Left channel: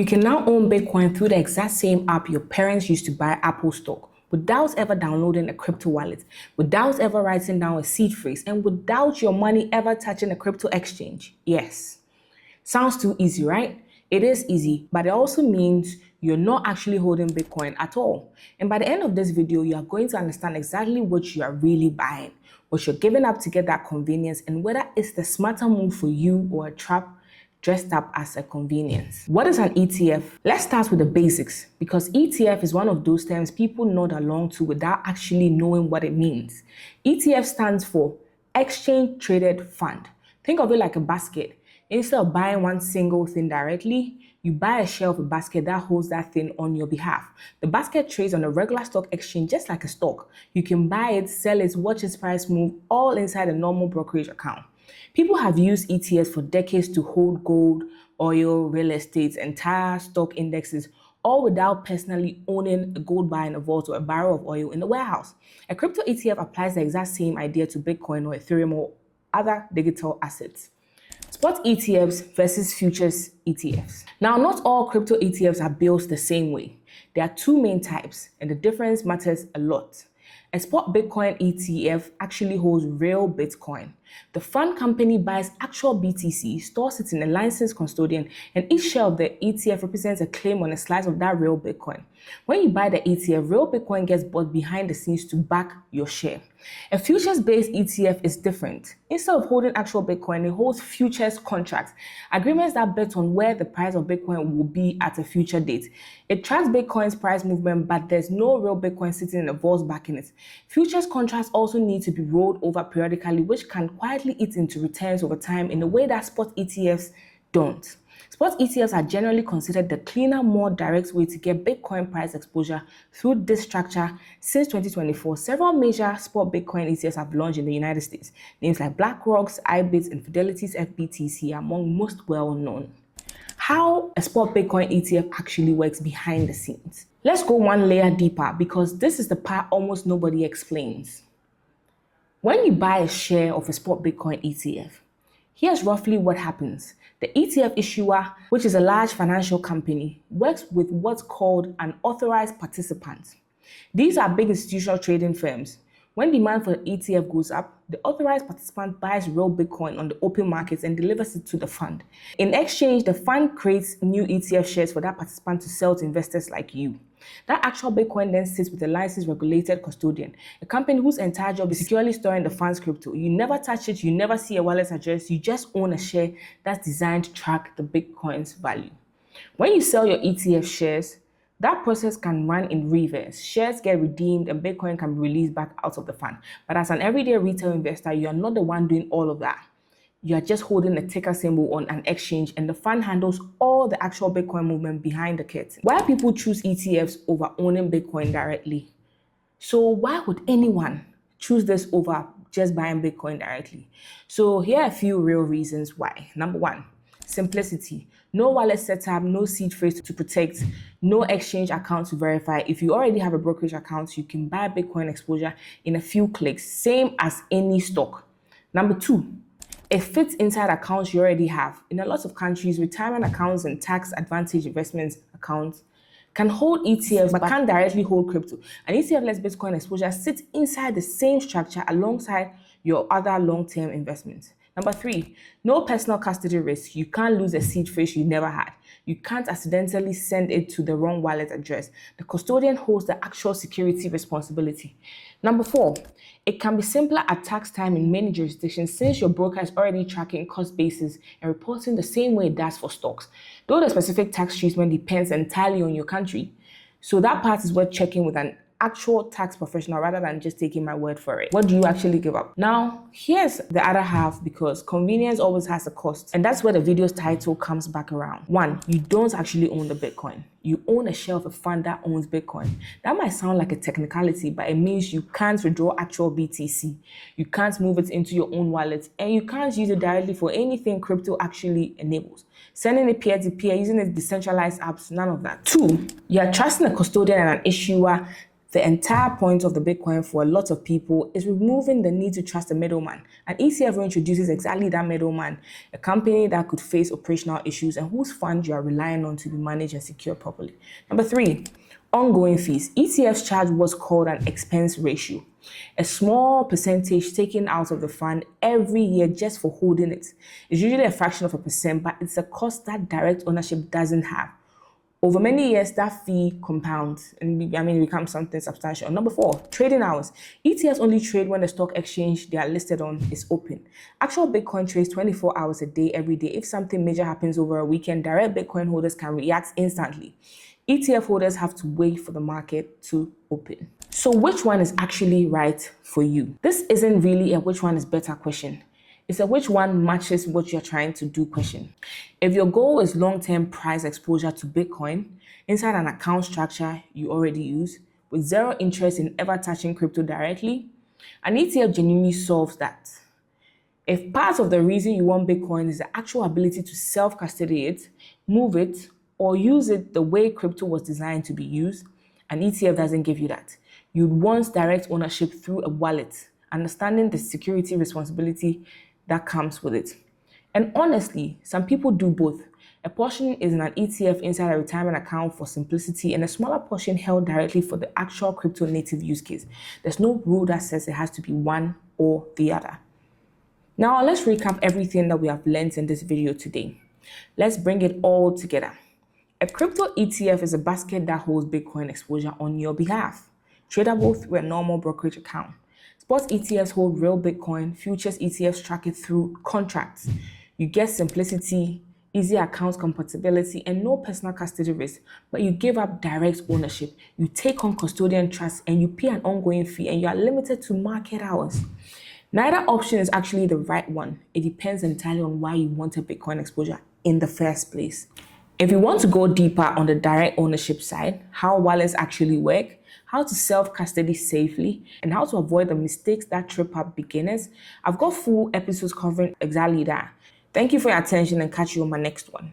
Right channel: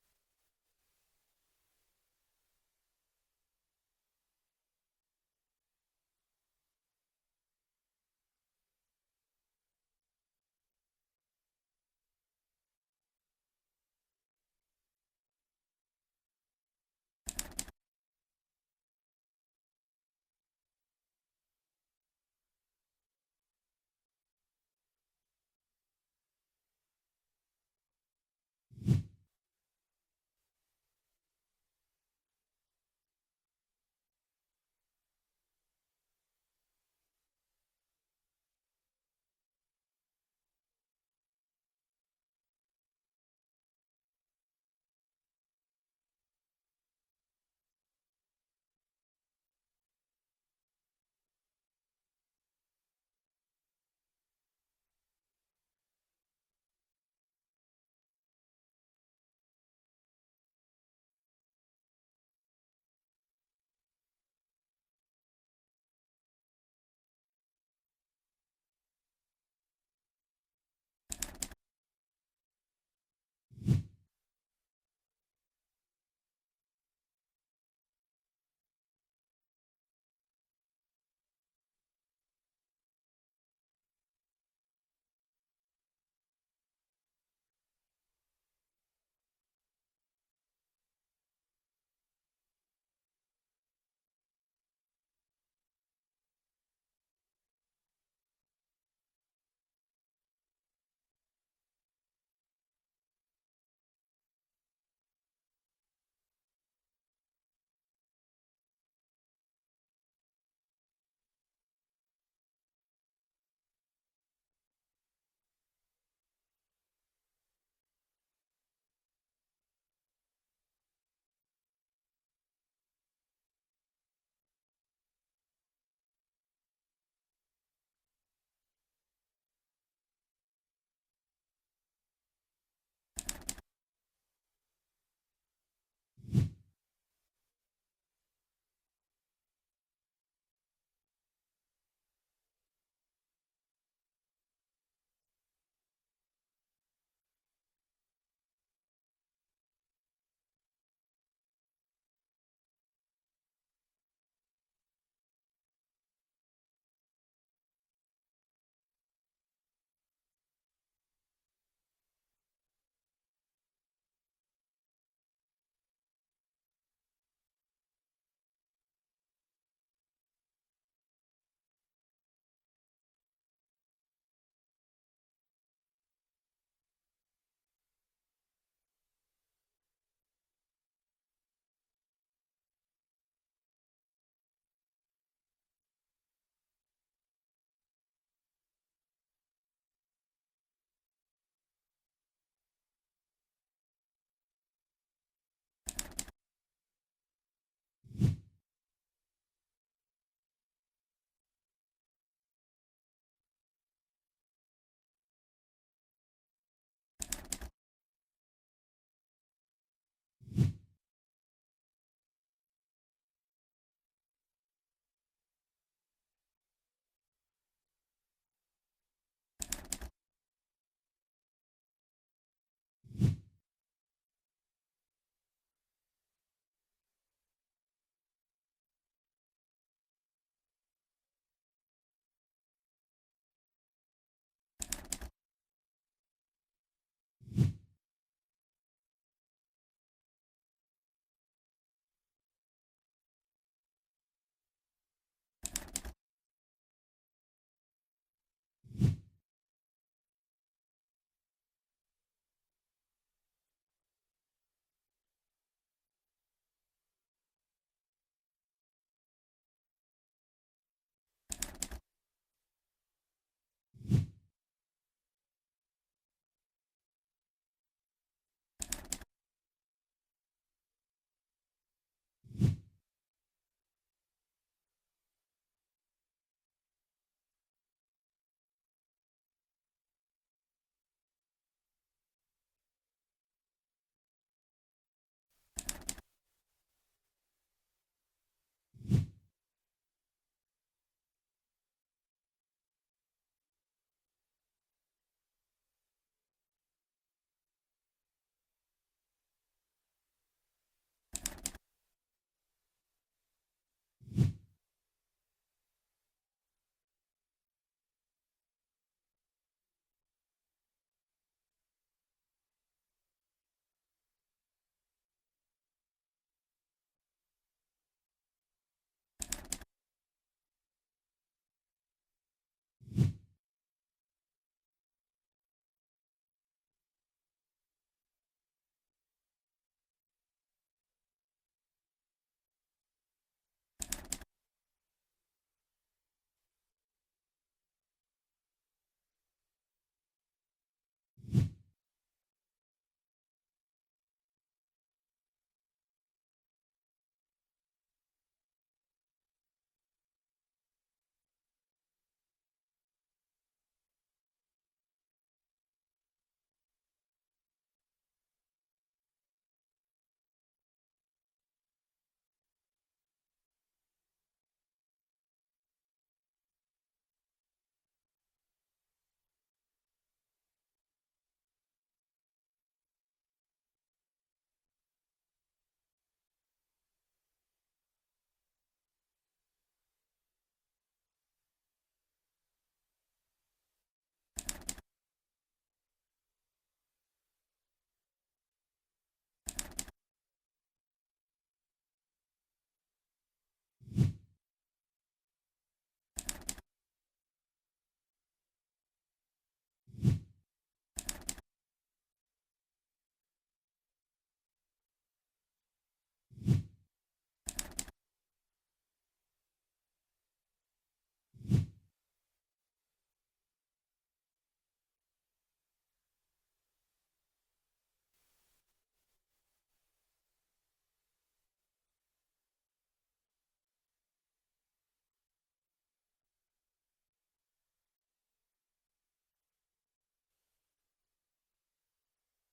You can now own Bitcoin through the exact same app your parents used to buy Apple stock, without ever downloading a crypto wallet, without ever writing down a seed phrase, and without your money ever touching a crypto exchange. Yes. Sounds too easy, right? It is easy, but it also means you're not actually holding Bitcoin at all. And by the end of this video, you are going to understand exactly what you are really buying, what you're giving up to get that convenience, and whether it's the smarter move for you or a trap dressed up as a convenience. What is an ETF? Let's start with the basics, because ETF is one of those terms people nod along to without actually knowing what it means. ETF stands for Exchange Traded Fund. Think of it like a basket. Instead of buying one single thing directly, you buy a share of a basket that holds that thing on your behalf. The basket trades on a regular stock exchange just like a stock. You can buy it, sell it, watch its price move, all inside a normal brokerage account. People have used ETFs for decades to hold gold, oil, real estate, entire stock indexes, all without personally owning a gold bar in a vault or a barrel of oil in the warehouse. A crypto ETF applies the exact same idea to Bitcoin or Ethereum or other digital assets. Spot ETFs versus futures ETFs. Now, not all crypto ETFs are built the same way. There are two main types, and the difference matters a lot. A spot Bitcoin ETF actually holds real Bitcoin. The fund company buys actual BTC, stores it in a licensed custodian, and each share of the ETF represents a claim on a slice of that real Bitcoin. When you buy the ETF, real Bitcoin gets bought behind the scenes to back your share. A futures-based ETF is different. Instead of holding actual Bitcoin, it holds futures contracts, agreements that bet on where the price of Bitcoin will be at a future date. It tracks Bitcoin's price movement, but there's no real Bitcoin sitting in a vault backing it. Futures contracts also need to be rolled over periodically, which can quietly eat into returns over time in a way that spot ETFs don't. Spot ETFs are generally considered the cleaner, more direct way to get Bitcoin price exposure through this structure. Since 2024, several major spot Bitcoin ETFs have launched in the United States. Names like BlackRock's, IBIT's, and Fidelity's FBTC are among most well known. How a spot Bitcoin ETF actually works behind the scenes. Let's go one layer deeper, because this is the part almost nobody explains. When you buy a share of a spot Bitcoin ETF, here's roughly what happens. The ETF issuer, which is a large financial company, works with what's called an authorized participant. These are big institutional trading firms. When demand for the ETF goes up, the authorized participant buys real Bitcoin on the open markets and delivers it to the fund. In exchange, the fund creates new ETF shares for that participant to sell to investors like you. That actual Bitcoin then sits with a licensed regulated custodian, a company whose entire job is securely storing the fund's crypto. You never touch it, you never see a wallet address, you just own a share that's designed to track the Bitcoin's value. When you sell your ETF shares, that process can run in reverse. Shares get redeemed and Bitcoin can be released back out of the fund. But as an everyday retail investor, you are not the one doing all of that. You are just holding a ticker symbol on an exchange, and the fund handles all the actual Bitcoin movement behind the curtain. Why people choose ETFs over owning Bitcoin directly? So why would anyone choose this over just buying Bitcoin directly? So here are a few real reasons why. Number one, simplicity. No wallet setup, no seed phrase to protect, no exchange account to verify. If you already have a brokerage account, you can buy Bitcoin exposure in a few clicks, same as any stock. Number two, it fits inside accounts you already have. In a lot of countries, retirement accounts and tax advantage investment accounts can hold ETFs but can't directly hold crypto. An ETF-less Bitcoin exposure sits inside the same structure alongside your other long-term investments. Number three, no personal custody risk. You can't lose a seed phrase you never had. You can't accidentally send it to the wrong wallet address. The custodian holds the actual security responsibility. Number four, it can be simpler at tax time in many jurisdictions since your broker is already tracking cost basis and reporting the same way it does for stocks, though the specific tax treatment depends entirely on your country. So that part is worth checking with an actual tax professional rather than just taking my word for it. What do you actually give up? Now, here's the other half, because convenience always has a cost. And that's where the video's title comes back around. One, you don't actually own the Bitcoin. You own a share of a fund that owns Bitcoin. That might sound like a technicality, but it means you can't withdraw actual BTC. You can't move it into your own wallet, and you can't use it directly for anything crypto actually enables. Sending it peer-to-peer, using it decentralized apps, none of that. Two, you're trusting a custodian and an issuer The entire point of the Bitcoin for a lot of people is removing the need to trust a middleman. An ETF introduces exactly that middleman, a company that could face operational issues and whose funds you are relying on to be managed and secured properly. Number three, ongoing fees. ETFs charge what's called an expense ratio, a small percentage taken out of the fund every year just for holding it. It's usually a fraction of a percent, but it's a cost that direct ownership doesn't have. Over many years, that fee compounds and it becomes something substantial. Number four, trading hours. ETFs only trade when the stock exchange they are listed on is open. Actual Bitcoin trades 24 hours a day, every day. If something major happens over a weekend, direct Bitcoin holders can react instantly. ETF holders have to wait for the market to open. So which one is actually right for you? This isn't really a which one is better question. It's a which one matches what you're trying to do question. If your goal is long-term price exposure to Bitcoin inside an account structure you already use with zero interest in ever touching crypto directly, an ETF genuinely solves that. If part of the reason you want Bitcoin is the actual ability to self-custody it, move it, or use it the way crypto was designed to be used, an ETF doesn't give you that. You'd want direct ownership through a wallet, understanding the security responsibility that comes with it. And honestly, some people do both. A portion is in an ETF inside a retirement account for simplicity, and a smaller portion held directly for the actual crypto native use case. There's no rule that says it has to be one or the other. Now, let's recap everything that we have learned in this video today. Let's bring it all together. A crypto ETF is a basket that holds Bitcoin exposure on your behalf, tradable through a normal brokerage account. Spot ETFs hold real Bitcoin, futures ETFs track it through contracts. You get simplicity, easy account compatibility, and no personal custody risk, but you give up direct ownership. You take on custodian trust and you pay an ongoing fee, and you are limited to market hours. Neither option is actually the right one. It depends entirely on why you wanted Bitcoin exposure in the first place. If you want to go deeper on the direct ownership side, how wallets actually work, how to self-custody safely, and how to avoid the mistakes that trip up beginners, I've got full episodes covering exactly that. Thank you for your attention and catch you on my next one.